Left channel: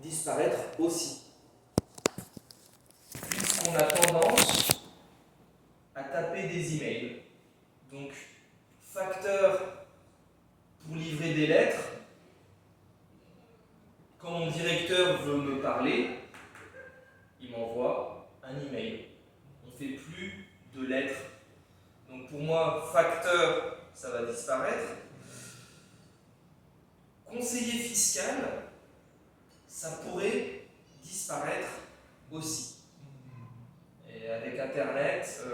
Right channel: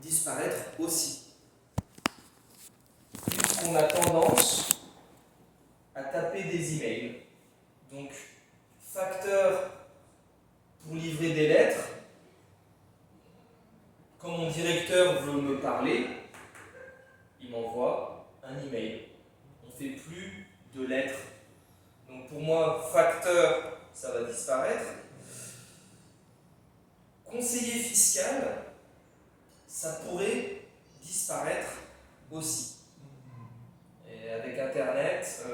disparaître aussi. Puisqu'on a tendance à taper des emails. Donc, facteur pour livrer des lettres. Quand mon directeur veut me parler, il m'envoie un email. On ne fait plus de lettres. Donc pour moi, facteur, ça va disparaître. Conseiller fiscal, ça pourrait disparaître aussi. Et avec Internet,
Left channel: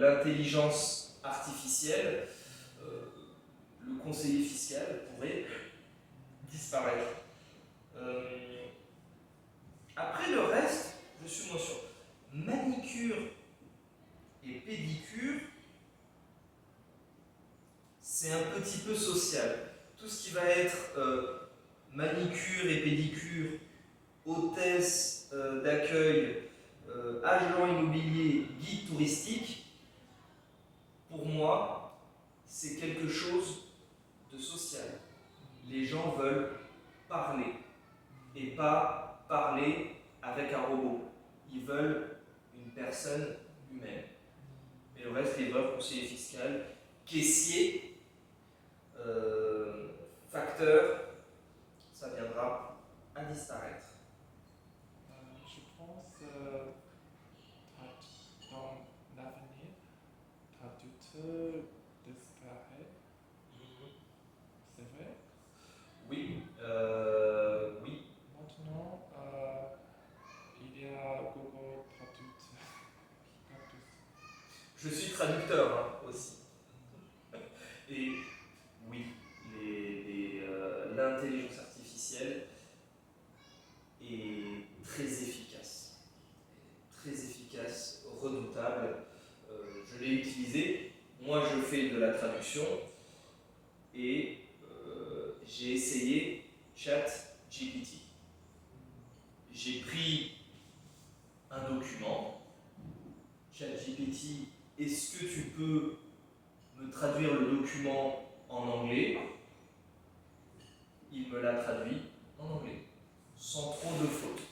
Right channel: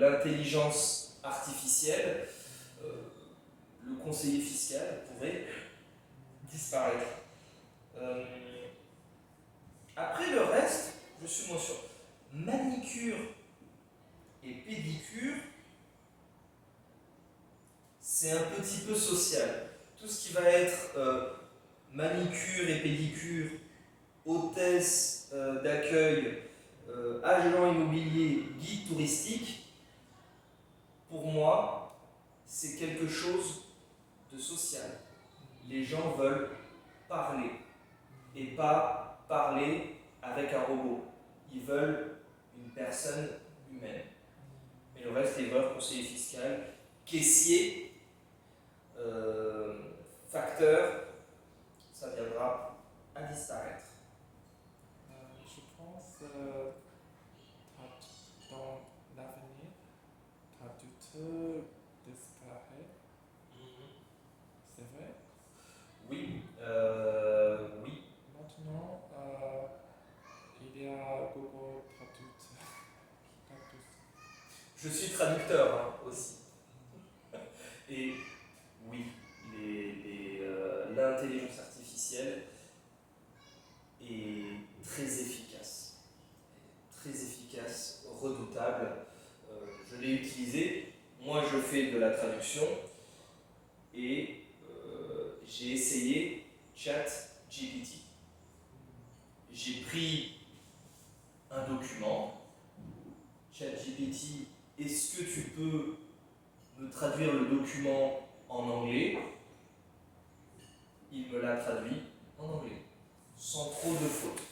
l'intelligence artificielle, le conseiller fiscal pourrait disparaître. Après le reste, je suis moins sûr. Manicure et pédicure, c'est un petit peu social. Tout ce qui va être manicure et pédicure, hôtesse d'accueil, agent immobilier, guide touristique, pour moi, c'est quelque chose de social. Les gens veulent parler et pas parler avec un robot. Ils veulent une personne humaine. Et le reste, livreur, conseiller fiscal, caissier, facteur, ça viendra à disparaître. Je pense dans l'avenir, traducteur disparaît. C'est vrai? Oui, oui. Maintenant, il y a Google Traducteur. Je suis traducteur aussi. Et oui, l'intelligence artificielle est très efficace, redoutable. Je l'ai utilisé. Moi, je fais de la traduction et j'ai essayé ChatGPT. J'ai pris un document. ChatGPT, est-ce que tu peux me traduire le document en anglais? Il me l'a traduit en anglais, sans trop de fautes.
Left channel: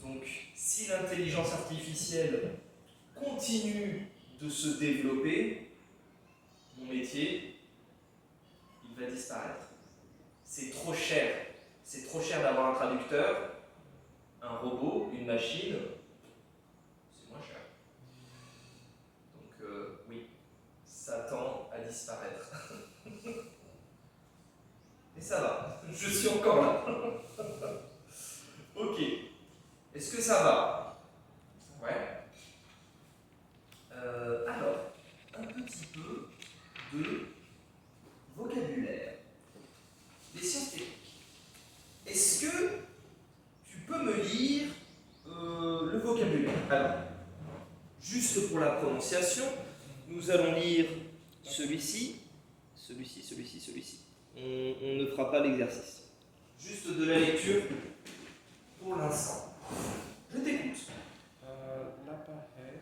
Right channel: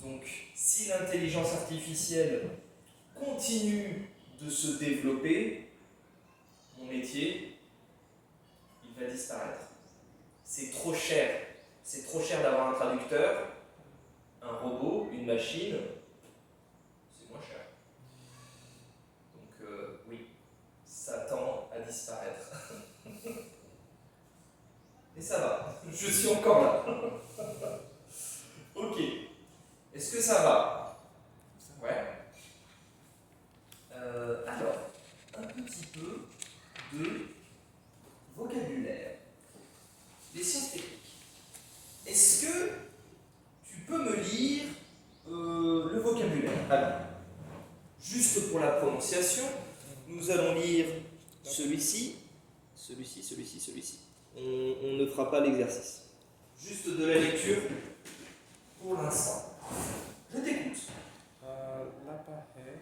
Donc, si l'intelligence artificielle continue de se développer, mon métier, il va disparaître. C'est trop cher. C'est trop cher d'avoir un traducteur, un robot, une machine. C'est moins cher. Donc, oui, ça tend à disparaître. Et ça va, je suis encore là. Ok. Est-ce que ça va? Ouais. Alors, un petit peu de vocabulaire. Les sciences techniques. Est-ce que tu peux me lire le vocabulaire? Alors, juste pour la prononciation, nous allons lire celui-ci, celui-ci, celui-ci, celui-ci. On ne fera pas l'exercice. Juste de la lecture pour l'instant. Je t'écoute. L'appareil,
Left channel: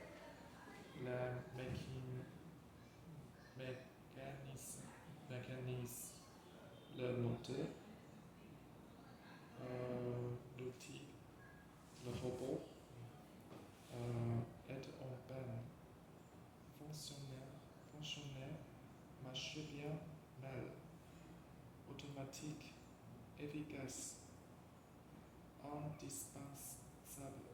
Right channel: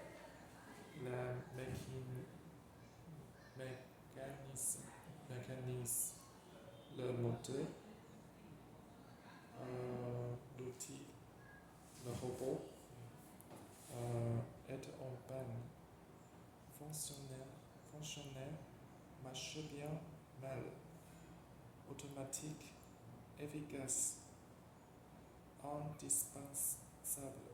mécanisme, le moteur, l'outil, le robot, est en panne, fonctionnel, marche bien, mal, automatique, efficace, indispensable,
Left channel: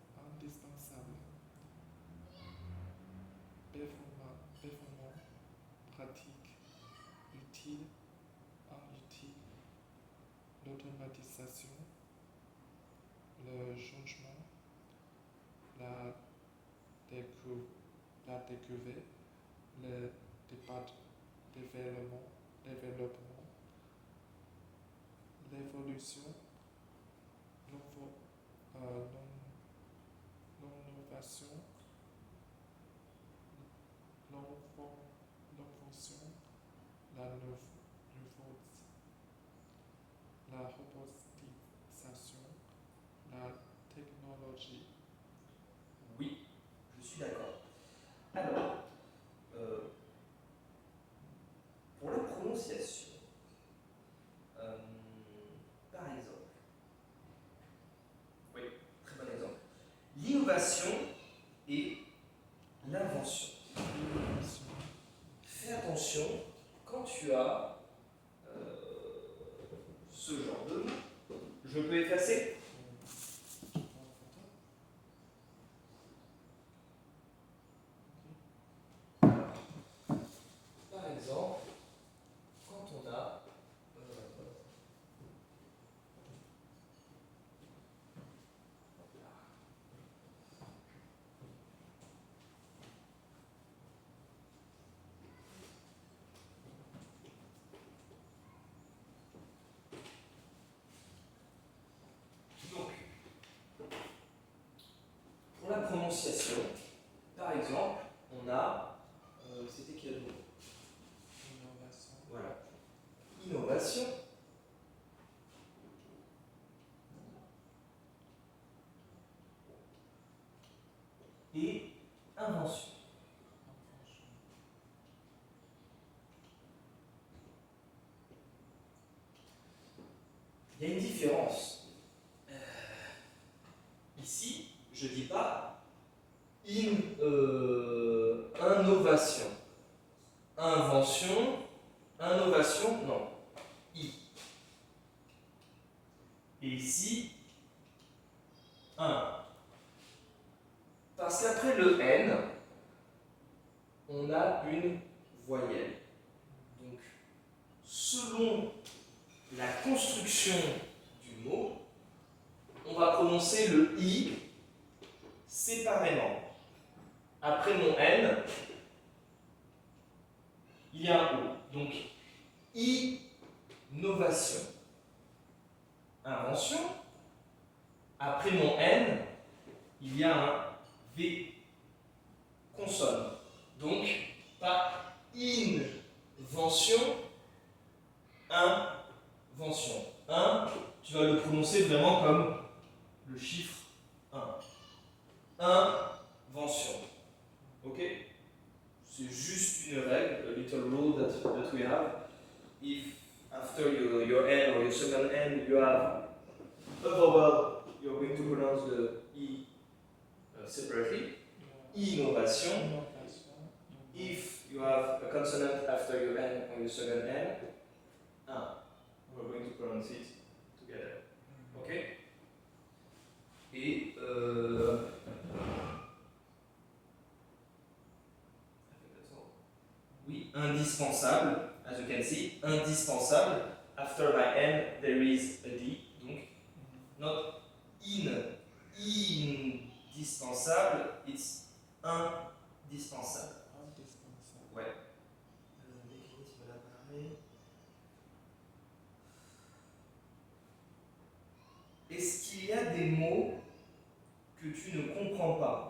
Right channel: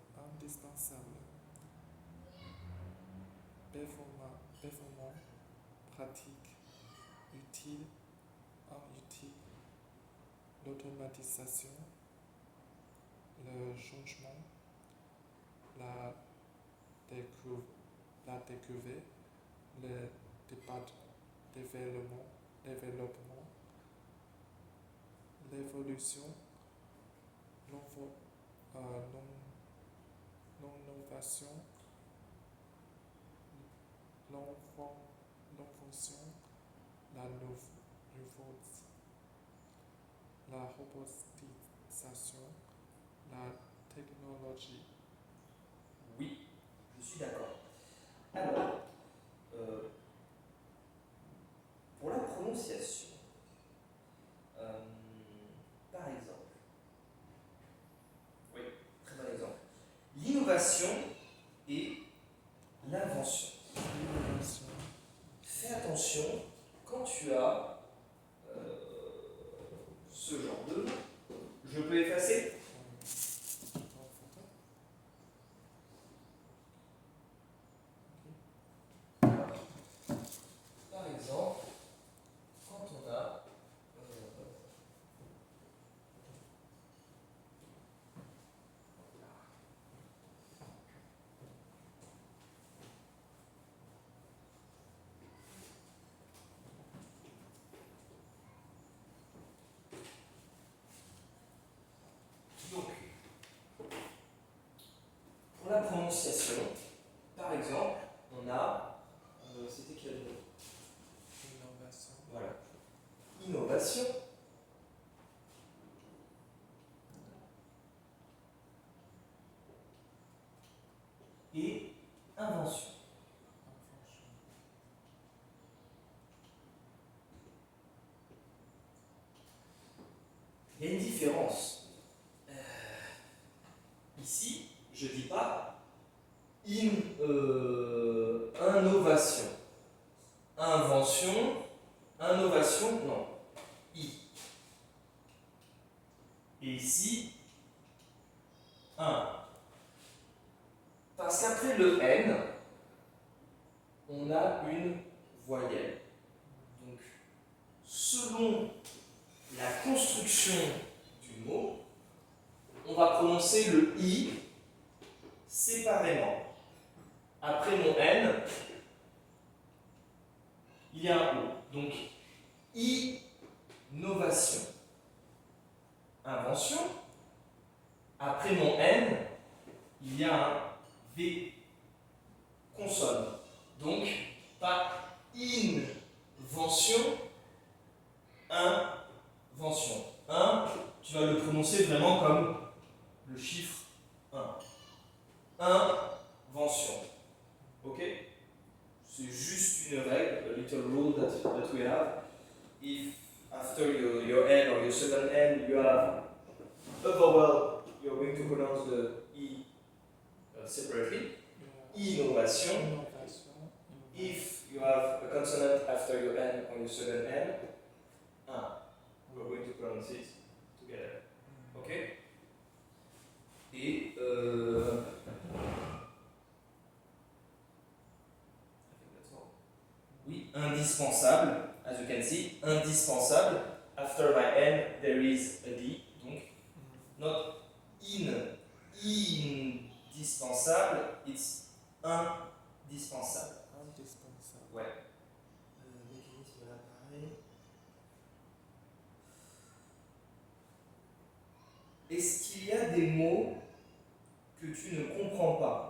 performant, pratique, utile, inutile, l'automatisation, le changement, la découverte, le développement, l'évolution, l'innovation, l'invention, la nouveauté, la robotisation, la technologie. Oui, je suis d'accord. Alors, pour la prononciation, par exemple, Je peux effacer? Alors, par exemple, quand on a donc, pour la prononciation, par exemple, on a, c'était quel mot? Innovation. Voilà. Innovation. Et invention. Il y a une différence. Ici, je ne dis pas innovation. Invention, innovation, non. I. Et ici, un. Parce qu'après le N, on a une voyelle. Donc, selon la construction du mot, on va prononcer le I séparément. Après mon N, il y a un O. Donc, innovation. Invention. Après mon N, il y a un V. Consonne. Donc, pas invention, invention. Tu vas le prononcer vraiment comme le chiffre 1. Invention. Ok? C'est juste une règle, a little rule that we have. If after your N or your second N you have a vowel, you're going to pronounce the E separately. Innovation. If you have a consonant after your N or your second N, we're going to pronounce it together. Ok? Et oui, indispensable, as you can see, indispensable. After my N, there is a D. Donc, not indispensable, it's indispensable. Ouais. Mécanisme de l'appareil. Est-ce qu'il y a des mots que tu ne comprends pas?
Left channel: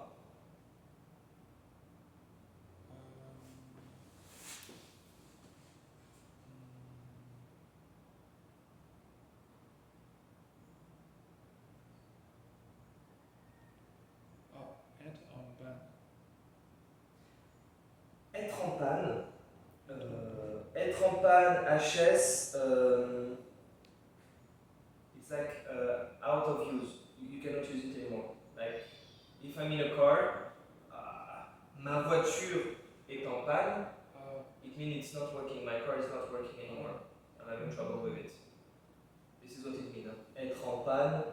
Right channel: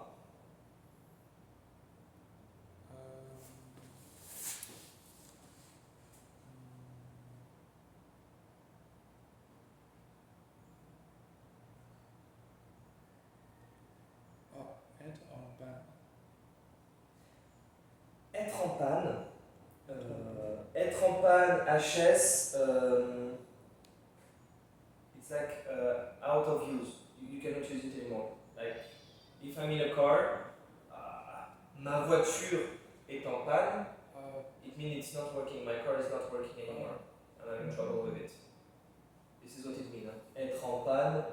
Être en panne. Être en panne, HS, it's like out of use. You cannot use it anymore. Like, if I'm in a car, ma voiture est en panne, it means it's not working. My car is not working anymore. I'm having trouble with it. This is what it means. Être en panne,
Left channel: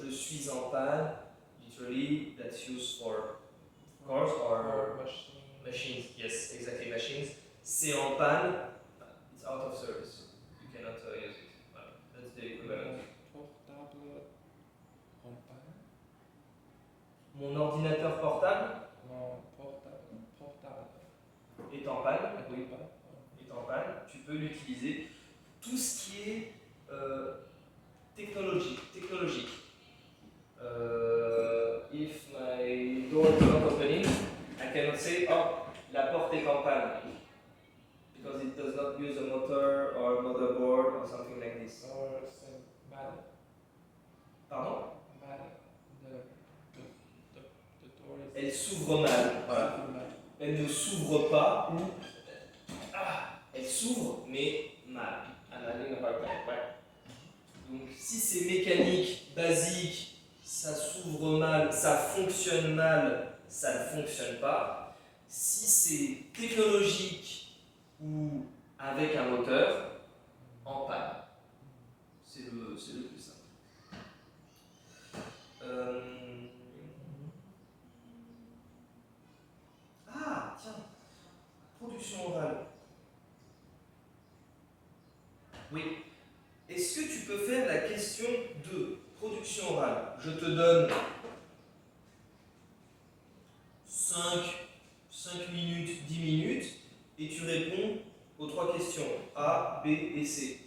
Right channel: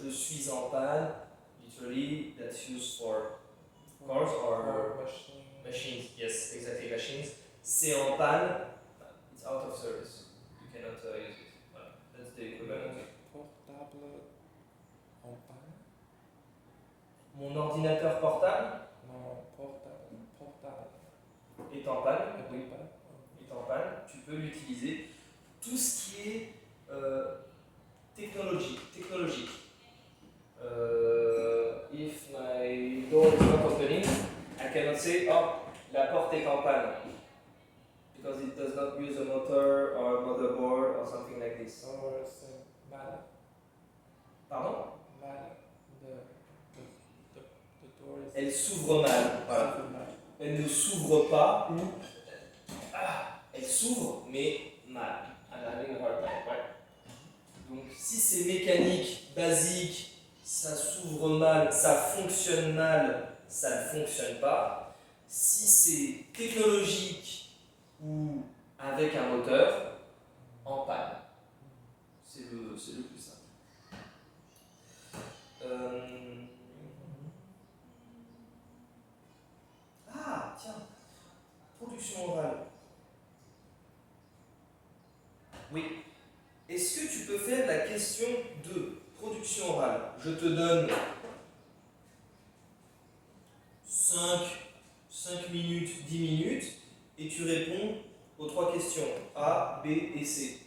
je suis en panne, literally, that's used for cars or machines. Yes, exactly, machines. C'est en panne, it's out of service. You cannot use it. Voilà. That's the equivalent. Portable en panne. Mon ordinateur portable Non, portable. est en panne. Oui, est en panne. Tu peux l'utiliser. Tout ce qui est technologique. If my door is not opening, I cannot say, oh, la porte est en panne. Because it does not use a motor or a motherboard or something like this. Or c'est mal. Pardon? Mal. The door is... Elle s'ouvre mal. Voilà. Elle ne s'ouvre pas ou elle s'ouvre mais mal. I'm having a hard time. Ouais. Donc si c'est mécanique, basique, ça s'ouvre mal, ça fonctionne mal, ça ne fonctionne pas. Si c'est technologique ou avec un moteur, en panne. C'est le plus simple. Oui. Est-ce que tu peux faire la question de production orale? Je te donne 5 minutes, 10 minutes, et tu réponds aux 3 questions A, B et C.